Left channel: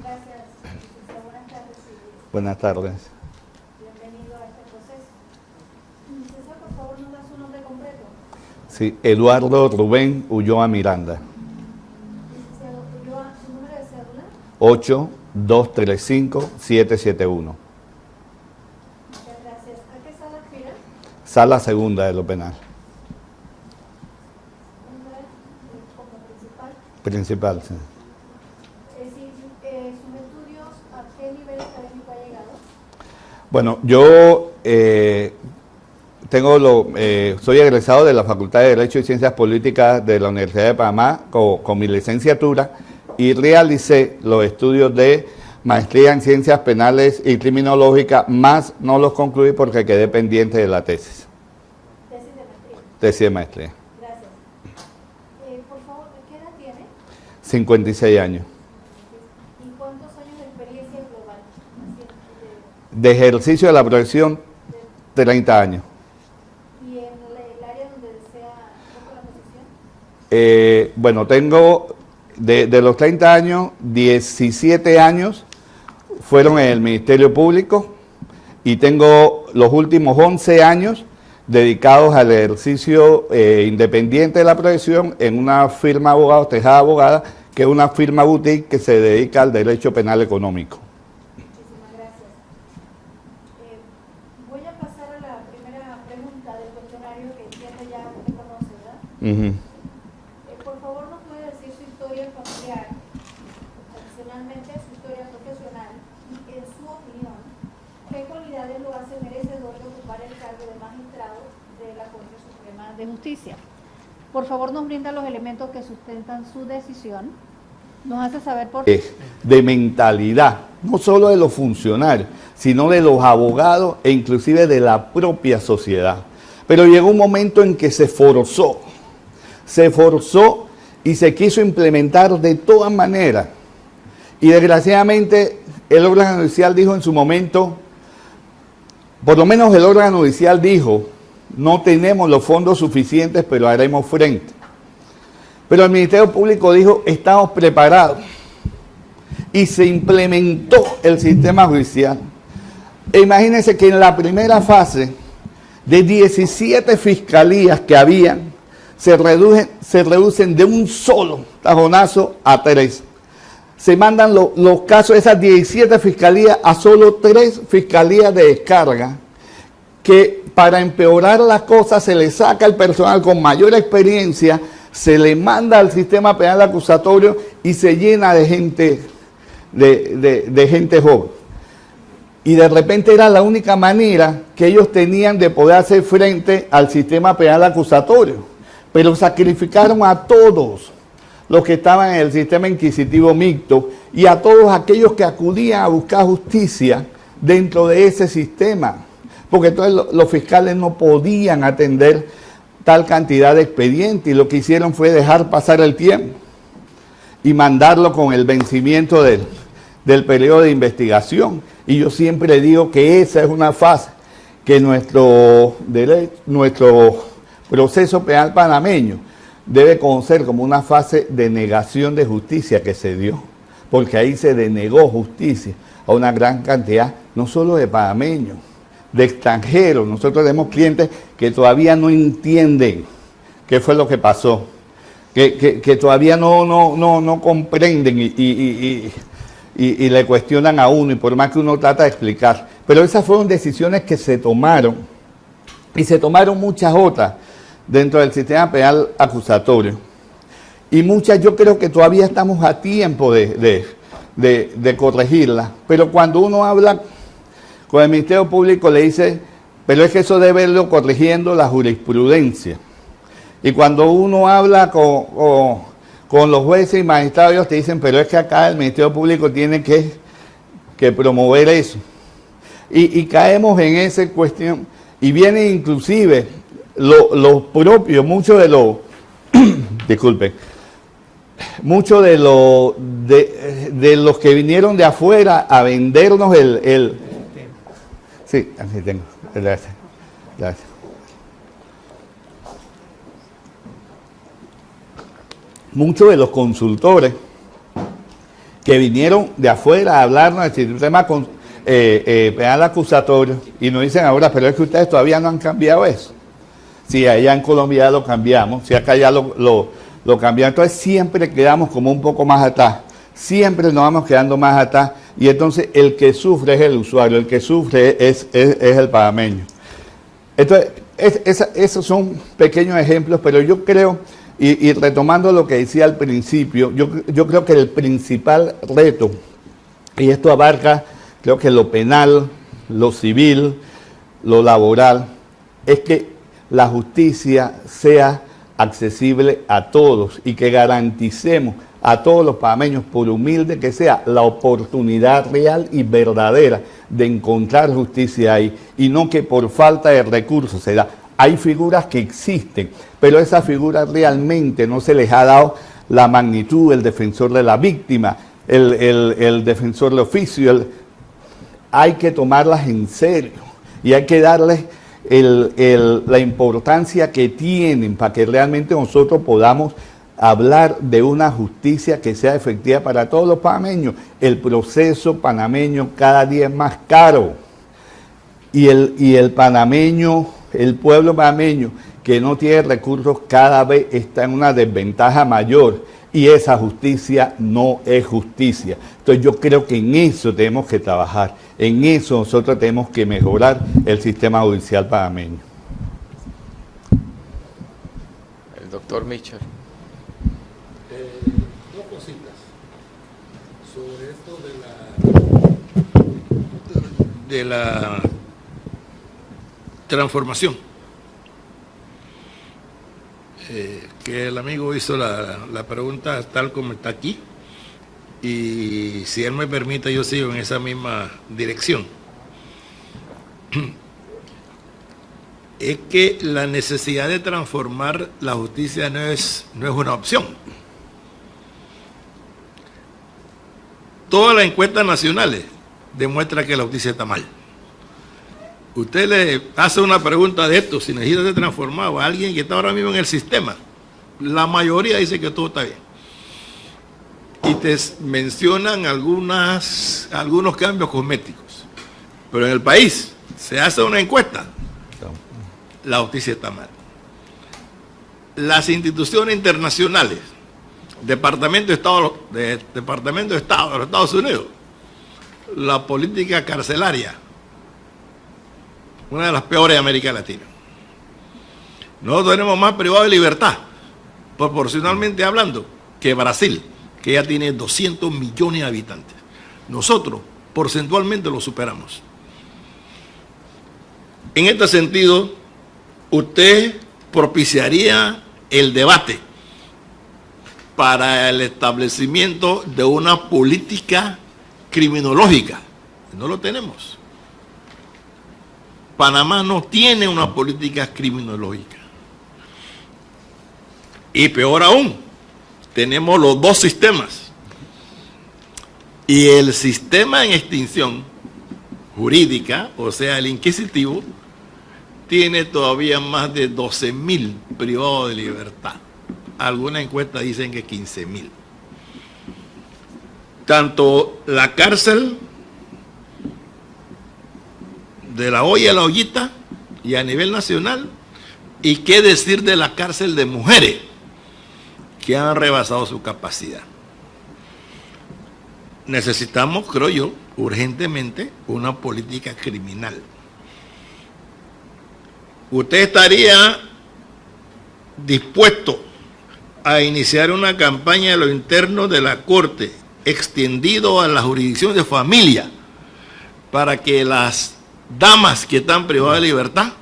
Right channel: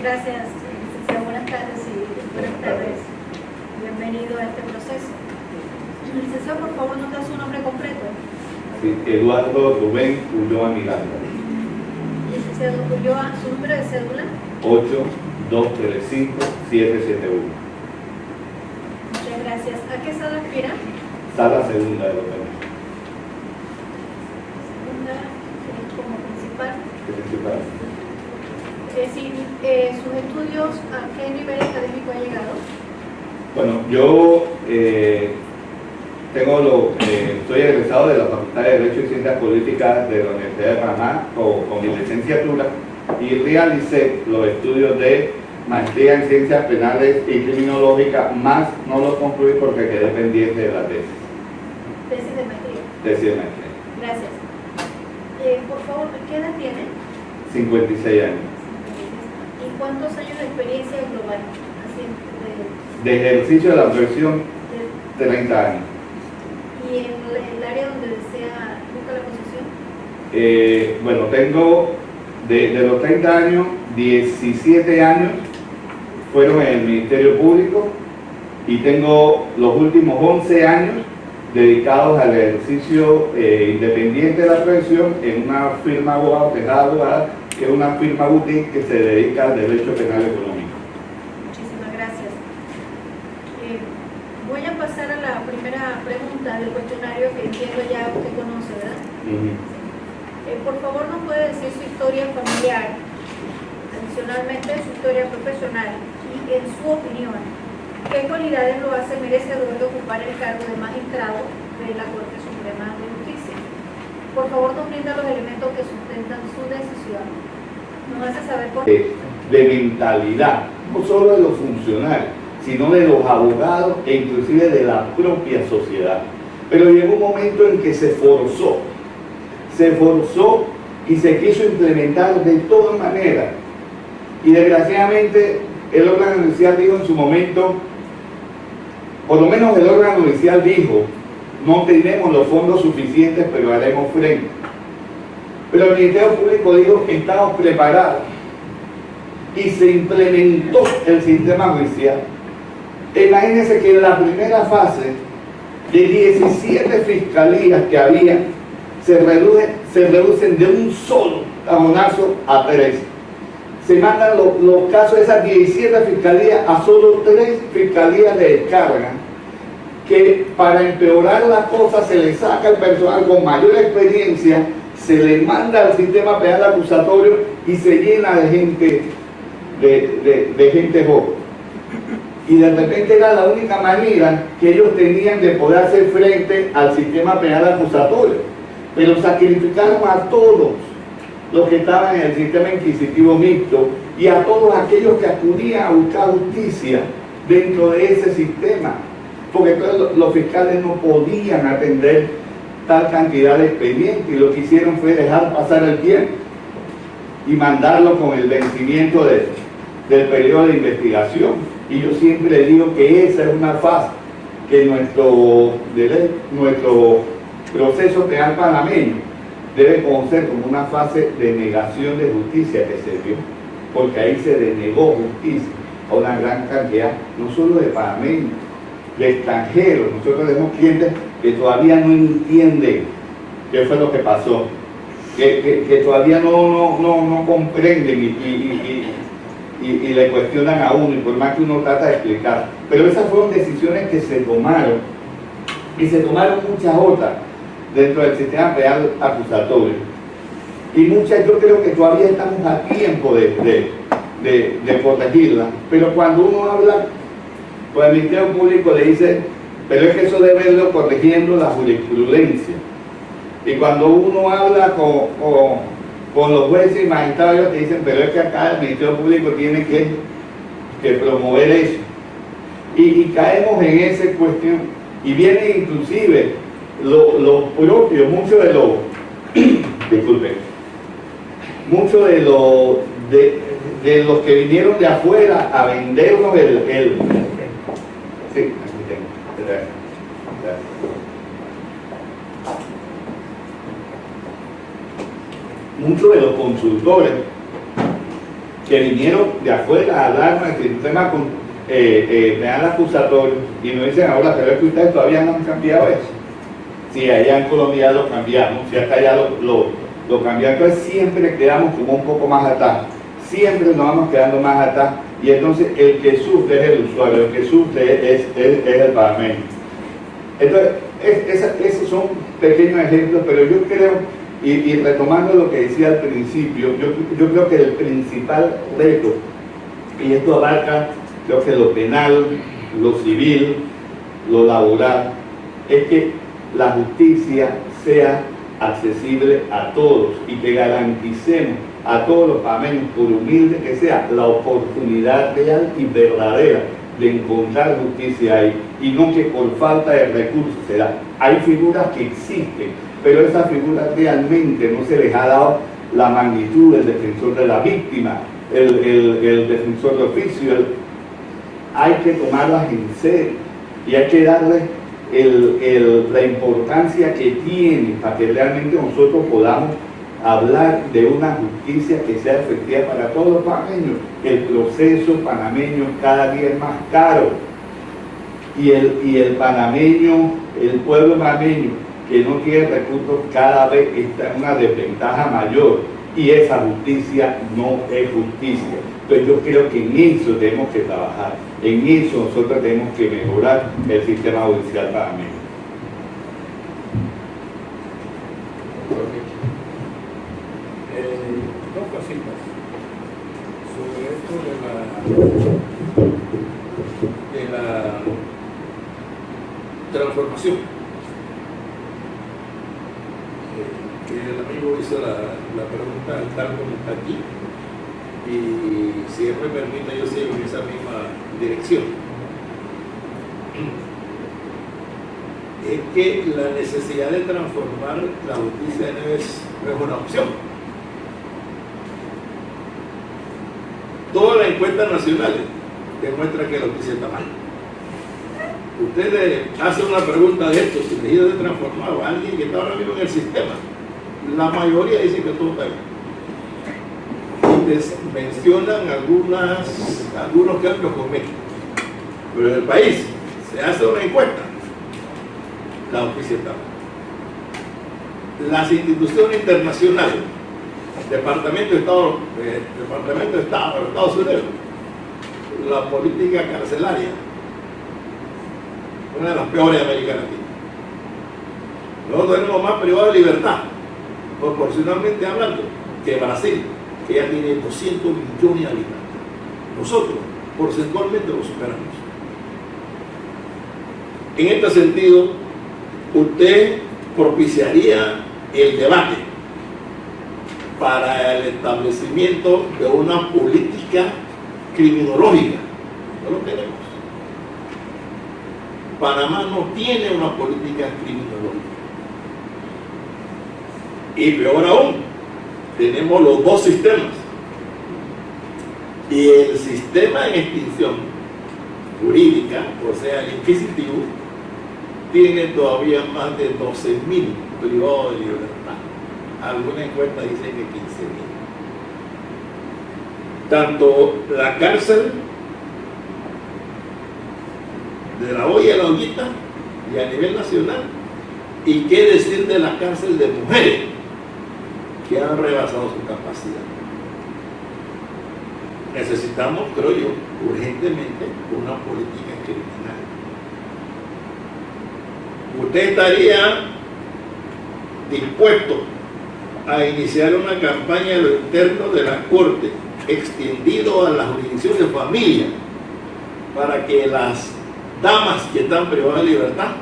Gracias, licenciado. Buenas tardes. Buenas tardes. Bienvenido a este proceso. Licenciado, por favor, nos da su nombre completo. Sí, Eduardo Rubén Ulloa Miranda. Licenciado Ulloa, su número de cédula. 8235-771. Muchas gracias. ¿A qué sala aspira? Sala segunda de lo penal. Segunda, como principal. Principal, sí. Sus estudios, ¿a qué nivel académico ha llegado? Bueno, yo soy egresado de la Facultad de Derecho y Ciencias Políticas de la Universidad de Panamá con mi licenciatura y realicé los estudios de maestría en Ciencias Penales y Criminológica, más no los concluí porque quedé pendiente de la tesis. Tesis de maestría. Tesis de maestría. Gracias. Por favor, ¿qué edad tiene? 56 años. ¿Y cuántos años de experiencia global? Así, De ejercicio de la profesión, 30 años. ¿Y en el área donde busca la posición? Bueno, tengo de los 30 años, 17 años fueron en el Ministerio Público y tengo los últimos 11 años dedicados al ejercicio independiente de la profesión en una firma de abogados, Tejada Abogada, que es una firma boutique que se dedica al derecho penal económico. Muchísimas gracias. Voy a pasar a la primera pregunta del cuestionario que entiendo ya usted conoce, ¿verdad? Por favor, ¿nos puede decir su historia familiar, adicionalmente su historia profesional y, en su opinión, qué cualidades lo hace merecedor de ocupar el cargo de magistrado de la Corte Suprema de Justicia? Por favor, nos brinda los elementos que sustentan su decisión. Nos hace saber por qué. De mentalidad, no solo de los funcionarios, sino de los abogados e inclusive de la propia sociedad. Pero llegó un momento en que se forzó y se quiso implementar de todas maneras. Y desgraciadamente el órgano judicial dijo en su momento, por lo menos el órgano judicial dijo, no tenemos los fondos suficientes, pero haremos frente. Pero el Ministerio Público dijo, estamos preparados. Y se implementó el sistema judicial. E imagínense que en la primera fase, de 17 fiscalías que había, se reducen de un solo tajonazo a 3. Se mandan los casos de esas 17 fiscalías a solo 3 fiscalías de descarga, que para empeorar las cosas se le saca el personal con mayor experiencia, se le manda al sistema penal acusatorio y se llena de gente, de gente joven. Y de repente era la única manera que ellos tenían de poder hacer frente al sistema penal acusatorio. Pero sacrificaron a todos los que estaban en el sistema inquisitivo mixto y a todos aquellos que acudían a buscar justicia dentro de ese sistema. Porque entonces los fiscales no podían atender tal cantidad de expedientes y lo que hicieron fue dejar pasar el tiempo y mandarlo con el vencimiento del periodo de investigación. Y yo siempre digo que esa es una fase que nuestro proceso penal panameño debe conocer como una fase de negación de justicia que se dio, porque ahí se denegó justicia a una gran cantidad, no solo de panameños, de extranjeros. Nosotros tenemos clientes que todavía no entienden qué fue lo que pasó, que todavía no comprenden y le cuestionan a uno, y por más que uno trata de explicar. Pero esas fueron decisiones que se tomaron, y se tomaron muchas otras dentro del sistema penal acusatorio. Y muchas yo creo que todavía estamos a tiempo de corregirlas. Pero cuando uno habla con el Ministerio Público le dice, pero es que eso debe irlo corrigiendo la jurisprudencia. Y cuando uno habla con los jueces y magistrados, ellos te dicen, pero es que acá el Ministerio Público tiene que promover eso. Y caemos en esa cuestión. Y vienen inclusive los propios, muchos de los, disculpe, muchos de los que vinieron de afuera a vendernos sí, así tengo, gracias. Muchos de los consultores que vinieron de afuera a hablarnos del sistema penal acusatorio y nos dicen ahora, pero es que ustedes todavía no han cambiado eso. Si allá en Colombia lo cambiamos, si acá ya lo cambiamos, entonces siempre quedamos como un poco más atrás, siempre nos vamos quedando más atrás, y entonces el que sufre es el usuario, el que sufre es el panameño. Entonces, esos son pequeños ejemplos, pero yo creo, y retomando lo que decía al principio, yo creo que el principal reto, y esto abarca, creo que lo penal, lo civil, lo laboral, es que la justicia sea accesible a todos y que garanticemos a todos los panameños, por humilde que sea, la oportunidad real y verdadera de encontrar justicia ahí, y no que por falta de recursos se da. Hay figuras que existen, pero esas figuras realmente no se les ha dado la magnitud, el defensor de la víctima, el defensor de oficio. Hay que tomarlas en serio y hay que darles la importancia que tienen para que realmente nosotros podamos hablar de una justicia que sea efectiva para todos los panameños. El proceso panameño cada día es más caro, y el panameño, el pueblo panameño que no tiene recursos, cada vez está en una desventaja mayor, y esa justicia no es justicia. Entonces yo creo que en eso tenemos que trabajar, en eso nosotros tenemos que mejorar el sistema judicial panameño. Doctor Michel. Dos cositas sobre esto de la transformación, que el amigo hizo la pregunta tal como está aquí, y si él me permite yo sigo en esa misma dirección. Es que la necesidad de transformar la justicia no es una opción. Todas las encuestas nacionales demuestran que la justicia está mal. Usted le hace una pregunta de esto, si necesita de transformar a alguien que está ahora mismo en el sistema, la mayoría dice que todo está bien. Y te mencionan algunos cambios cosméticos. Pero en el país se hace una encuesta, la justicia está mal. Las instituciones internacionales, Departamento de Estado de los Estados Unidos, la política carcelaria, una de las peores de América Latina. Nosotros tenemos más privados de libertad, proporcionalmente hablando, que Brasil, que ya tiene 200 millones de habitantes. Nosotros, porcentualmente, lo superamos. En este sentido, usted propiciaría el debate para el establecimiento de una política criminológica. No lo tenemos. Panamá no tiene una política criminológica. Y peor aún, tenemos los dos sistemas. Y el sistema en extinción jurídica, o sea, el inquisitivo, tiene todavía más de 12.000 privados de libertad. Algunas encuestas dicen que 15.000. Tanto la cárcel de La Hoya, La Ollita, y a nivel nacional, y qué decir de la cárcel de mujeres, que han rebasado su capacidad. Necesitamos, creo yo, urgentemente una política criminal. ¿Usted estaría dispuesto a iniciar una campaña a lo interno de la Corte, extendido a la jurisdicción de familia, para que las damas que están privadas de libertad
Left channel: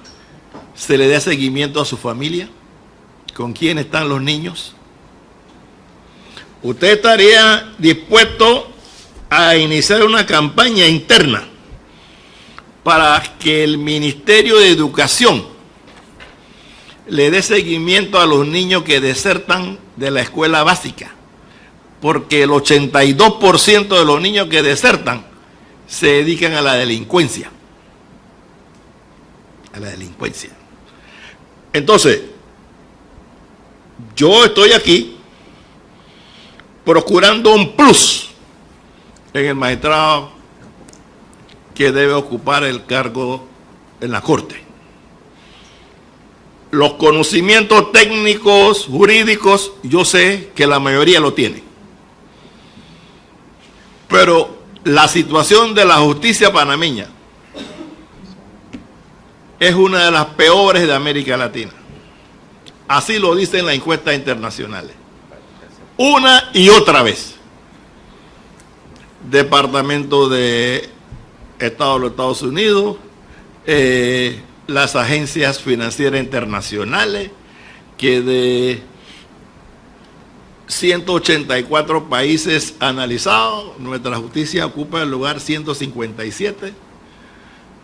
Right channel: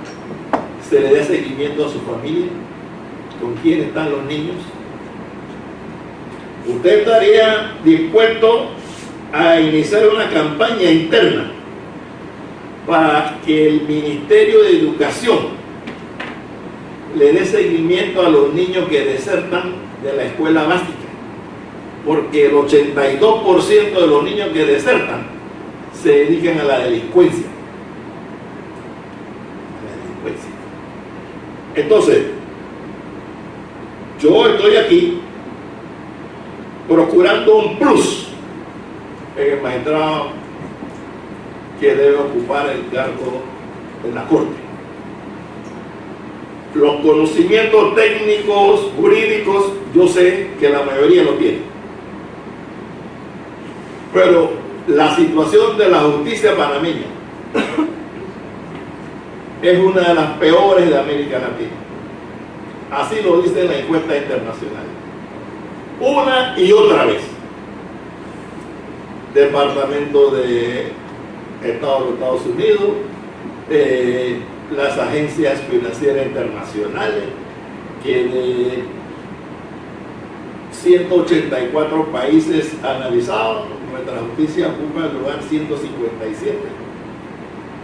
se le dé seguimiento a su familia? ¿Con quién están los niños? ¿Usted estaría dispuesto a iniciar una campaña interna para que el Ministerio de Educación le dé seguimiento a los niños que desertan de la escuela básica? Porque el 82% de los niños que desertan se dedican a la delincuencia. Entonces, yo estoy aquí procurando un plus en el magistrado que debe ocupar el cargo en la Corte. Los conocimientos técnicos, jurídicos, yo sé que la mayoría lo tiene. Pero la situación de la justicia panameña es una de las peores de América Latina. Así lo dicen las encuestas internacionales. Una y otra vez. Departamento de Estado de los Estados Unidos, las agencias financieras internacionales, que de 184 países analizados, nuestra justicia ocupa el lugar 157.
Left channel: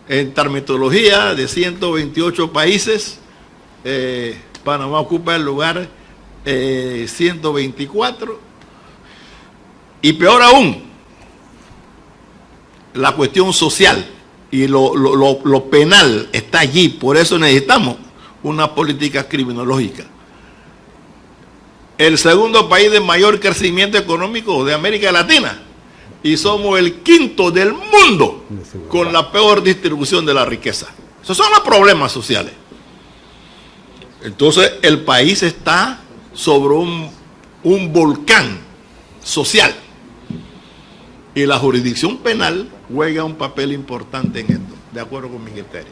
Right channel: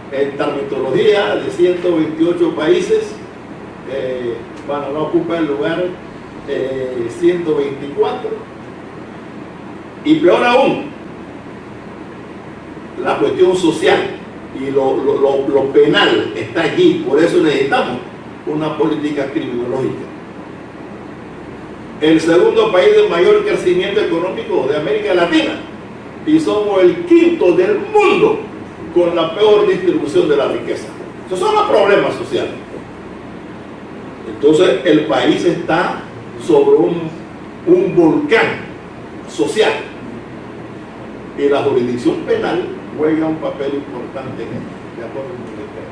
En terminología, de 128 países, Panamá ocupa el lugar 124. Y peor aún, la cuestión social y lo penal está allí. Por eso necesitamos una política criminológica. El segundo país de mayor crecimiento económico de América Latina, y somos el quinto del mundo con la peor distribución de la riqueza. Esos son los problemas sociales. Entonces el país está sobre un volcán social, y la jurisdicción penal juega un papel importante en esto, de acuerdo con el ministerio.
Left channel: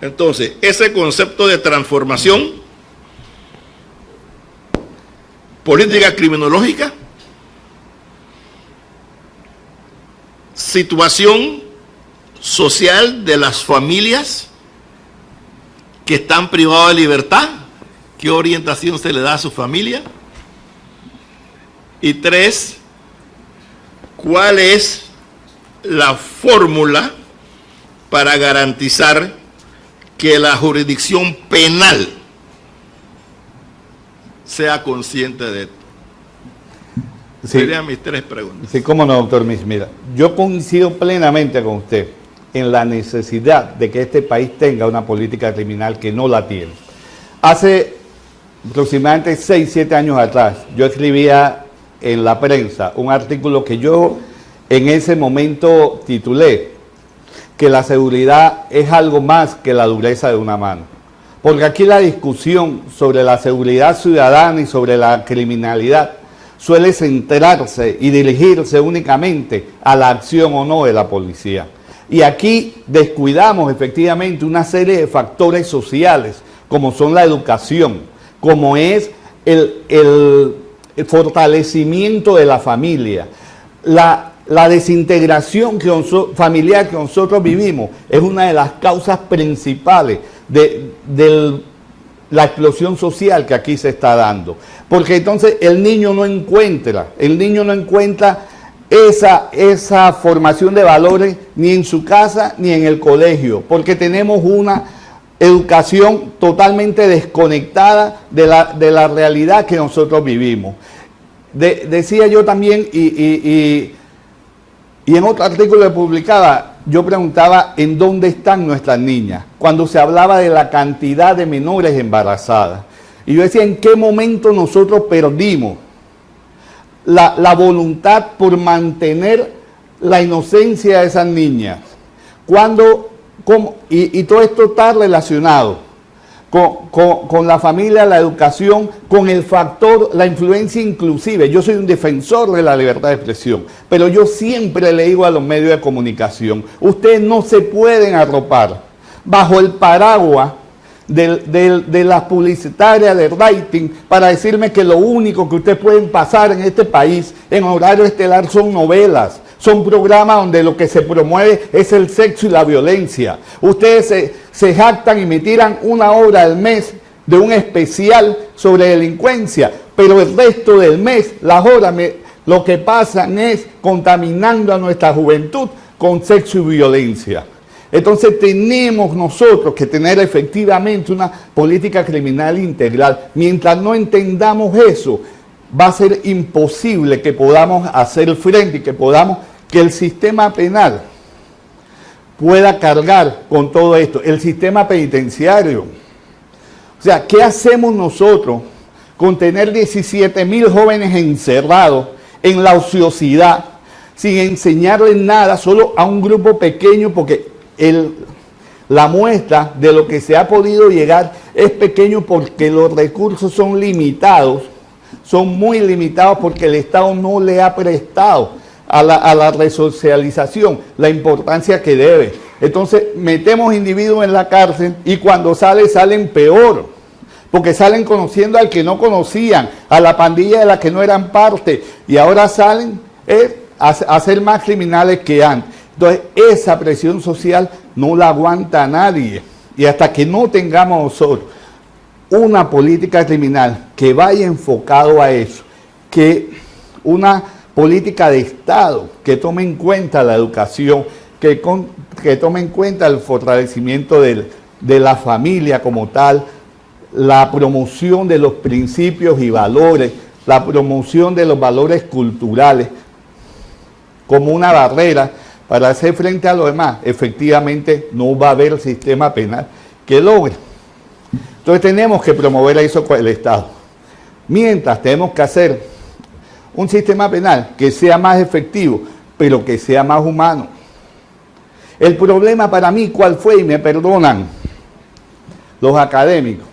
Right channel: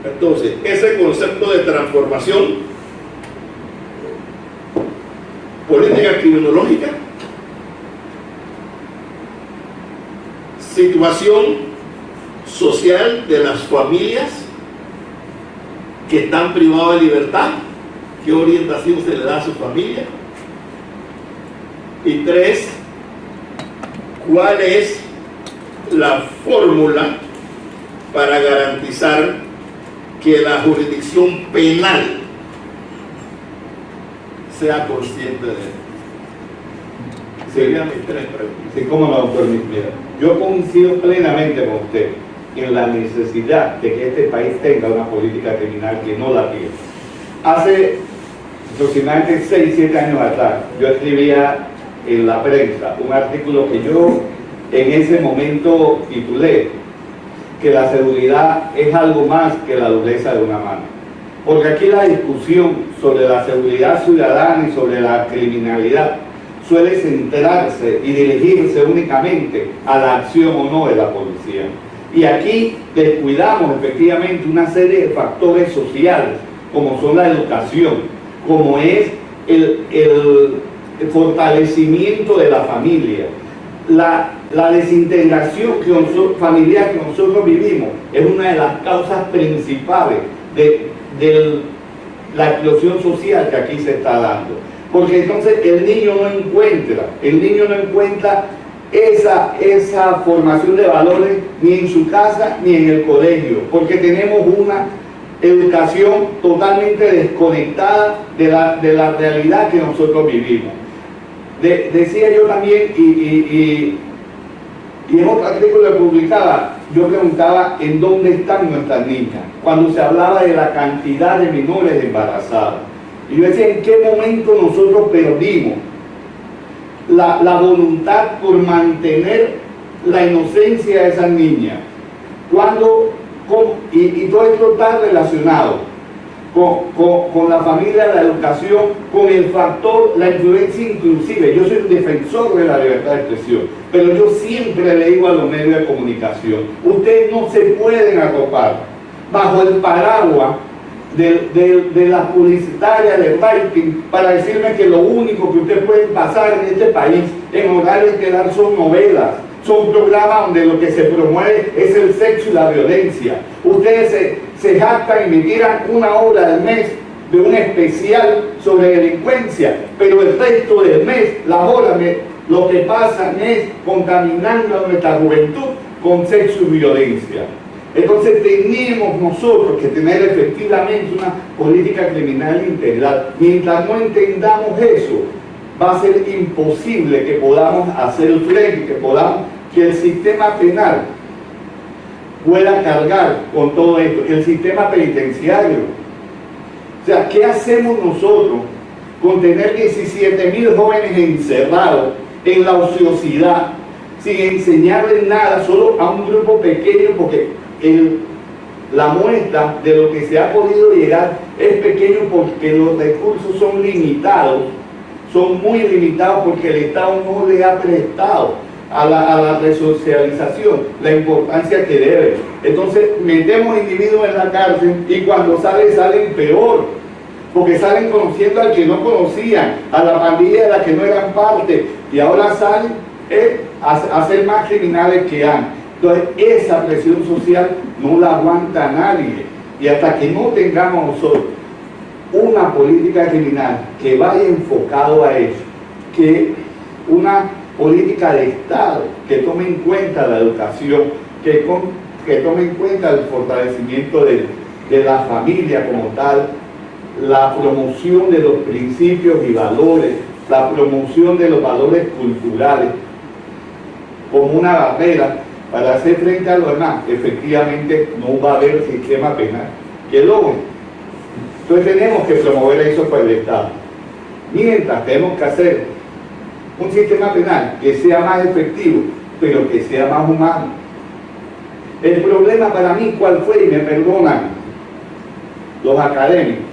Entonces, ese concepto de transformación, política criminológica, situación social de las familias que están privadas de libertad, qué orientación se le da a su familia. Y 3, ¿cuál es la fórmula para garantizar que la jurisdicción penal sea consciente de esto? Sí. Serían mis 3 preguntas. Sí, cómo no, doctor Luis. Mira, yo coincido plenamente con usted en la necesidad de que este país tenga una política criminal, que no la tiene. Hace aproximadamente 6, 7 años atrás, yo escribía en la prensa un artículo que yo en ese momento titulé que la seguridad es algo más que la dureza de una mano. Porque aquí la discusión sobre la seguridad ciudadana y sobre la criminalidad suele centrarse y dirigirse únicamente a la acción o no de la policía. Y aquí descuidamos efectivamente una serie de factores sociales, como son la educación, como es el fortalecimiento de la familia, la desintegración familiar que nosotros vivimos es una de las causas principales de la explosión social que aquí se está dando. Porque entonces el niño no encuentra esa formación de valores ni en su casa ni en el colegio, porque tenemos una educación totalmente desconectada de la realidad que nosotros vivimos. Decía yo también, y en otro artículo que publicaba, yo preguntaba en dónde están nuestras niñas, cuando se hablaba de la cantidad de menores embarazadas. Y yo decía, ¿en qué momento nosotros perdimos la voluntad por mantener la inocencia de esas niñas? Y todo esto está relacionado con la familia, la educación, con el factor, la influencia inclusive. Yo soy un defensor de la libertad de expresión, pero yo siempre le digo a los medios de comunicación, ustedes no se pueden arropar bajo el paraguas de las publicitarias de rating para decirme que lo único que ustedes pueden pasar en este país en horario estelar son novelas, son programas donde lo que se promueve es el sexo y la violencia. Ustedes se jactan y me tiran 1 hora al mes de un especial sobre delincuencia, pero el resto del mes, las horas, lo que pasan es contaminando a nuestra juventud con sexo y violencia. Entonces tenemos nosotros que tener efectivamente una política criminal integral. Mientras no entendamos eso, va a ser imposible que podamos hacer frente y que el sistema penal pueda cargar con todo esto, el sistema penitenciario. O sea, ¿qué hacemos nosotros con tener 17.000 jóvenes encerrados en la ociosidad? sin enseñarle nada, solo a un grupo pequeño, porque la muestra de lo que se ha podido llegar es pequeño porque los recursos son limitados, son muy limitados porque el Estado no le ha prestado a la resocialización la importancia que debe. Entonces metemos individuos en la cárcel y cuando salen peor, porque salen conociendo al que no conocían, a la pandilla de la que no eran parte, y ahora salen a ser más criminales que antes. Entonces esa presión social no la aguanta nadie, y hasta que no tengamos nosotros una política criminal que vaya enfocado a eso, que una política de Estado que tome en cuenta la educación, que tome en cuenta el fortalecimiento de la familia como tal, la promoción de los principios y valores, la promoción de los valores culturales como una barrera para hacer frente a lo demás, efectivamente no va a haber sistema penal que logre. Entonces tenemos que promover eso con el Estado. Mientras tenemos que hacer un sistema penal que sea más efectivo, pero que sea más humano. El problema para mí, ¿cuál fue? Y me perdonan los académicos.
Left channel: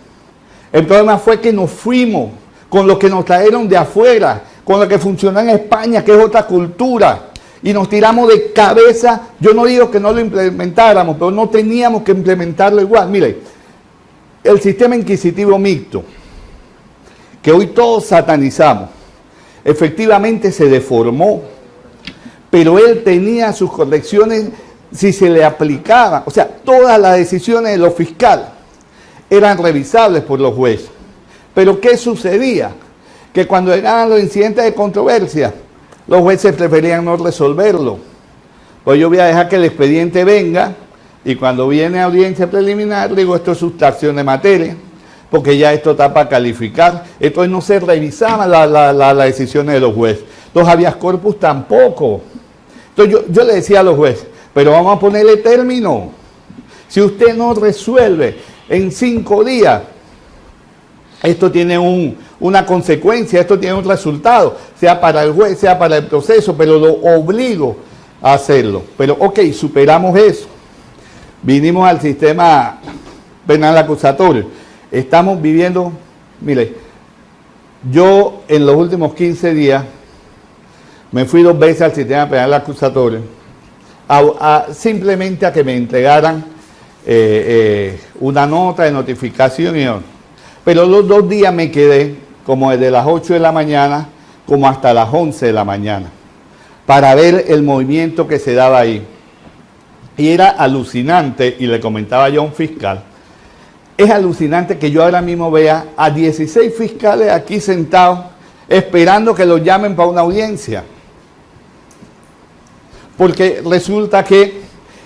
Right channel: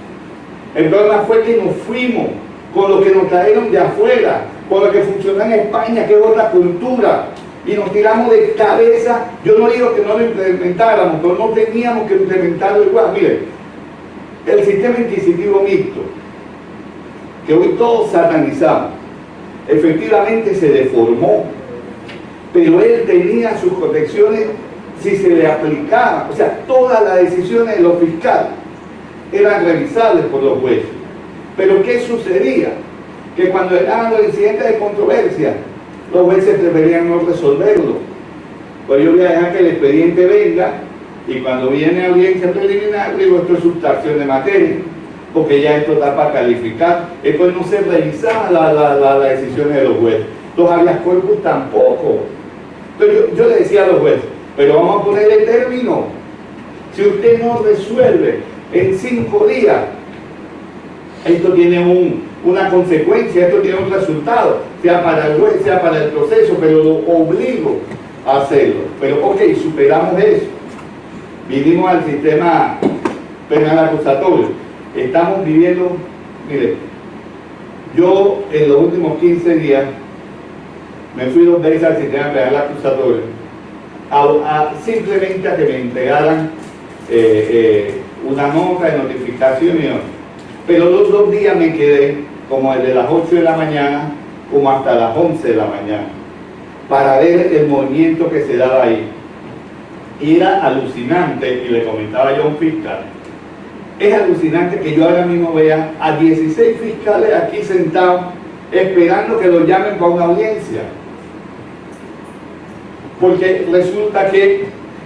El problema fue que nos fuimos con lo que nos trajeron de afuera, con lo que funciona en España, que es otra cultura, y nos tiramos de cabeza. Yo no digo que no lo implementáramos, pero no teníamos que implementarlo igual. Mire, el sistema inquisitivo mixto, que hoy todos satanizamos, efectivamente se deformó, pero él tenía sus correcciones si se le aplicaba. O sea, todas las decisiones de los fiscales eran revisables por los jueces. Pero ¿qué sucedía? Que cuando llegaban los incidentes de controversia, los jueces preferían no resolverlo. Pues yo voy a dejar que el expediente venga, y cuando viene audiencia preliminar, digo, esto es sustracción de materia, porque ya esto está para calificar. Entonces no se revisaban las decisiones de los jueces. Los habeas corpus tampoco. Entonces yo le decía a los jueces, pero vamos a ponerle término. Si usted no resuelve en 5 días, esto tiene una consecuencia, esto tiene un resultado, sea para el juez, sea para el proceso, pero lo obligo a hacerlo. Pero ok, superamos eso. Vinimos al sistema penal acusatorio. Estamos viviendo, mire, yo en los últimos 15 días me fui 2 veces al sistema penal acusatorio simplemente a que me entregaran una nota de notificación y otro. Pero los 2 días me quedé como desde las 8 de la mañana como hasta las 11 de la mañana para ver el movimiento que se daba ahí. Y era alucinante, y le comentaba yo a un fiscal, es alucinante que yo ahora mismo vea a 16 fiscales aquí sentados esperando que los llamen para una audiencia. Porque resulta que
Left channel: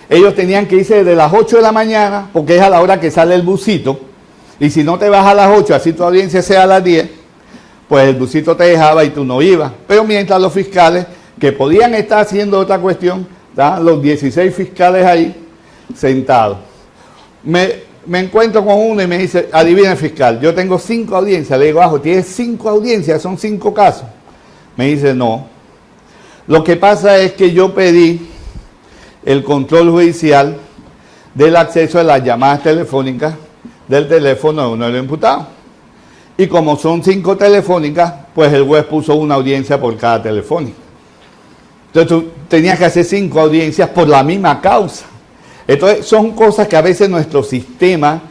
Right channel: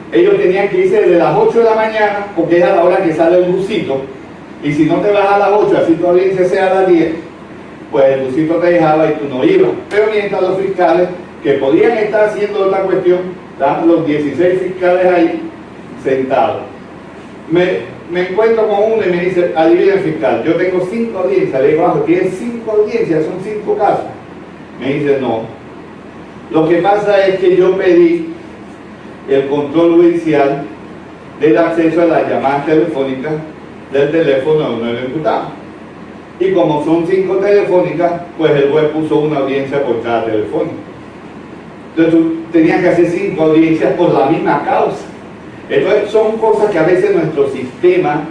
ellos tenían que irse desde las 8 de la mañana, porque es a la hora que sale el busito, y si no te vas a las 8, así tu audiencia sea a las 10, pues el busito te dejaba y tú no ibas. Pero mientras los fiscales, que podían estar haciendo otra cuestión, estaban los 16 fiscales ahí sentados. Me encuentro con uno y me dice, adivina fiscal, yo tengo 5 audiencias. Le digo, ¿tienes 5 audiencias? Son 5 casos. Me dice, no. Lo que pasa es que yo pedí el control judicial del acceso a las llamadas telefónicas del teléfono de uno de los imputados. Y como son 5 telefónicas, pues el juez puso una audiencia por cada telefónica. Entonces tú tenías que hacer 5 audiencias por la misma causa. Entonces son cosas que a veces nuestro sistema,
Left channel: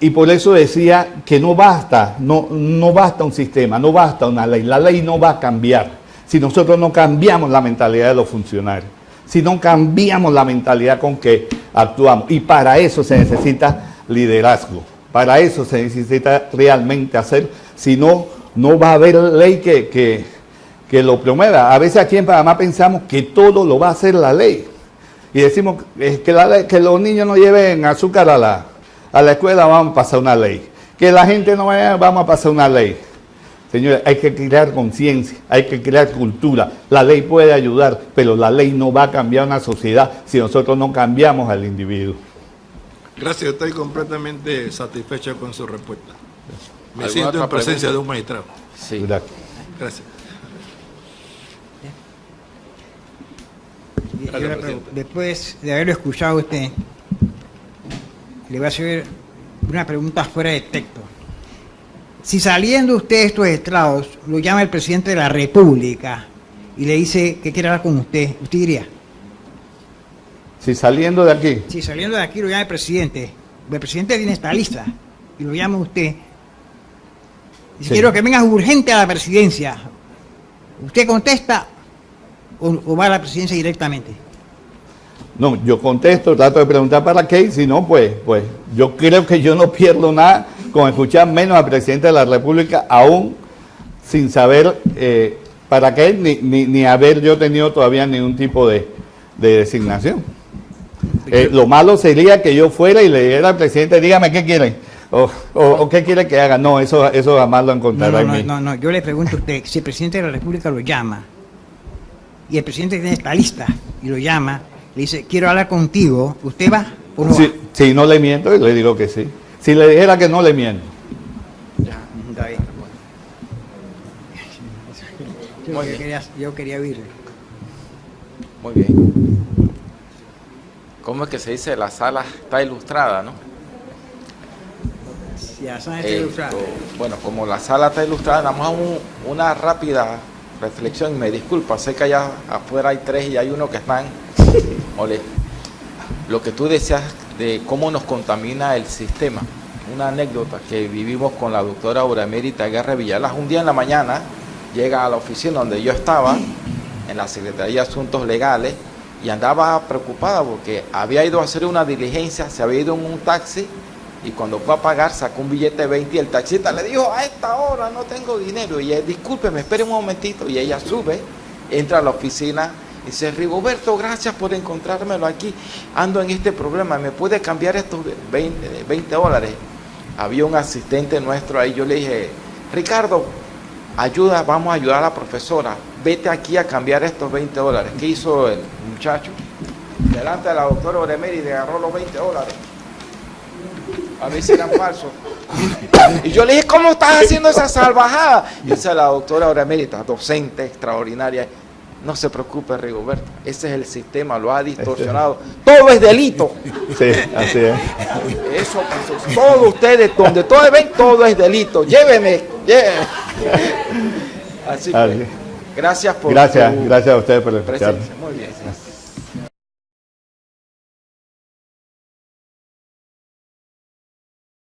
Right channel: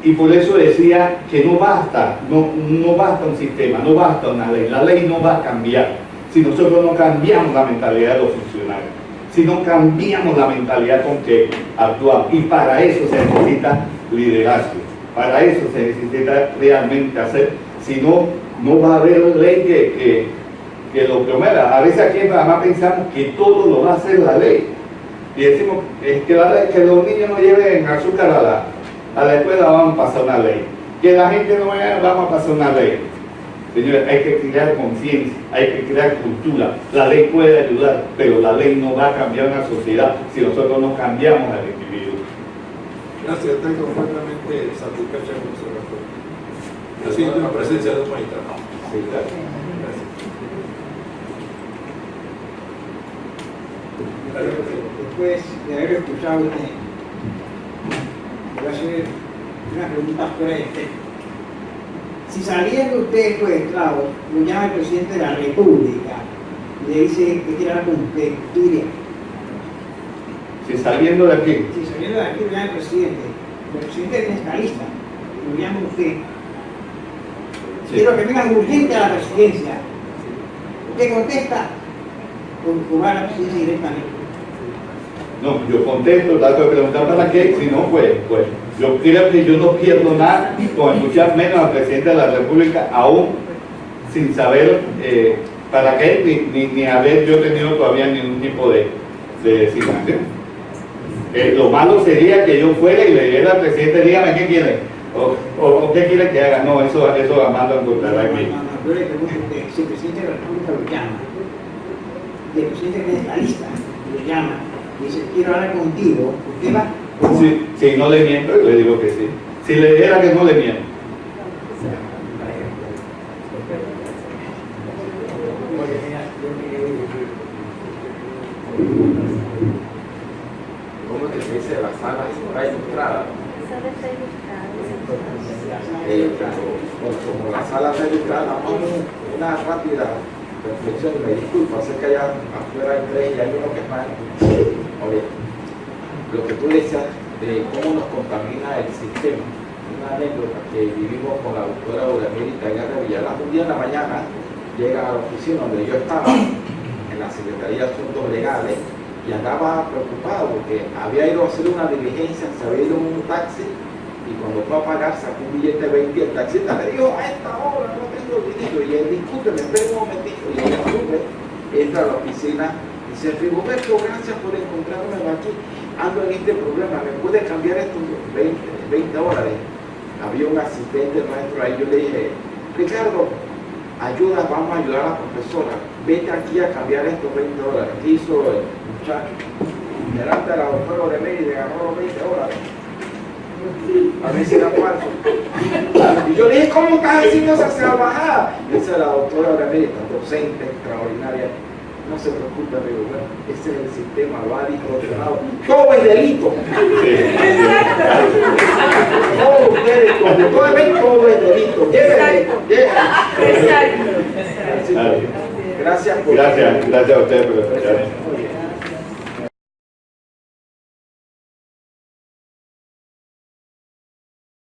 y por eso decía que no basta un sistema, no basta una ley. La ley no va a cambiar si nosotros no cambiamos la mentalidad de los funcionarios, si no cambiamos la mentalidad con que actuamos. Y para eso se necesita liderazgo, para eso se necesita realmente hacer, si no, no va a haber ley que lo promueva. A veces aquí en Panamá pensamos que todo lo va a hacer la ley. Y decimos que los niños no lleven azúcar a la escuela, vamos a pasar una ley. Que la gente no vaya, vamos a pasar una ley. Señores, hay que crear conciencia, hay que crear cultura. La ley puede ayudar, pero la ley no va a cambiar una sociedad si nosotros no cambiamos al individuo. Gracias, estoy completamente satisfecha con su reporte. Me siento en presencia de un magistrado. Sí. Gracias. Gracias. Gracias, presidente. Después de haberlo escuchado a usted, le voy a hacer una pregunta fuera de texto. Si saliendo usted de estos estrados, lo llama el presidente de la República y le dice que quiere hablar con usted diría, Si saliendo de aquí, si saliendo de aquí lo llama el presidente tiene esta lista y lo llama usted, y Sí. quiero que vengas urgente a la presidencia, ¿usted contesta o va a la presidencia directamente? no, yo contesto, trato de preguntar para qué, y si no, pues yo creo que yo no pierdo nada con escuchar menos al presidente de la República, aún sin saber para qué, ni haber yo tenido todavía ningún tipo de designación. Lo malo sería que yo fuera y le dijera al presidente, dígame qué quiere, o qué quiere que haga. No, eso jamás lo encontrará en mí. No, yo le pregunto a usted, si el presidente de la República lo llama, y el presidente tiene esta lista, y lo llama, le dice, quiero hablar contigo, ¿usted va o no va? Si no le miento, le digo que sí. Si le dijera que no le miento. Yo quería ver. Muy bien. ¿Cómo es que se dice? La sala está ilustrada, ¿no? Ya saben que Bueno, como la sala está ilustrada, vamos a una rápida reflexión. Me disculpa, sé que allá afuera hay tres y hay uno que están. Ole, lo que tú decías de cómo nos contamina el sistema. Una anécdota que vivimos con la doctora Oramérita Guerra Villalas. Un día en la mañana llega a la oficina donde yo estaba, en la Secretaría de Asuntos Legales, y andaba preocupada porque había ido a hacer una diligencia, se había ido en un taxi, y cuando fue a pagar sacó un billete de 20 y el taxista le dijo, a esta hora no tengo dinero, y él, discúlpeme, espere un momentito, y ella sube, entra a la oficina y dice, Rigoberto, gracias por encontrármelo aquí, ando en este problema, ¿me puede cambiar estos 20 dólares? Había un asistente nuestro ahí, yo le dije, Ricardo, vamos a ayudar a la profesora, vete aquí a cambiar estos 20 dólares. ¿Qué hizo el muchacho? Delante de la doctora Oremeri y le agarró los 20 dólares. A ver si eran falsos. Y yo le dije, ¿cómo estás haciendo esa salvajada? Y dice la doctora Oremérita, docente extraordinaria, no se preocupe, Rigoberto, ese es el sistema, lo ha distorsionado. Todo es delito. Sí, así es. Todos ustedes, donde todos ven, todo es delito. Llévenme. Así. Así. Gracias por Gracias a ustedes por escucharme.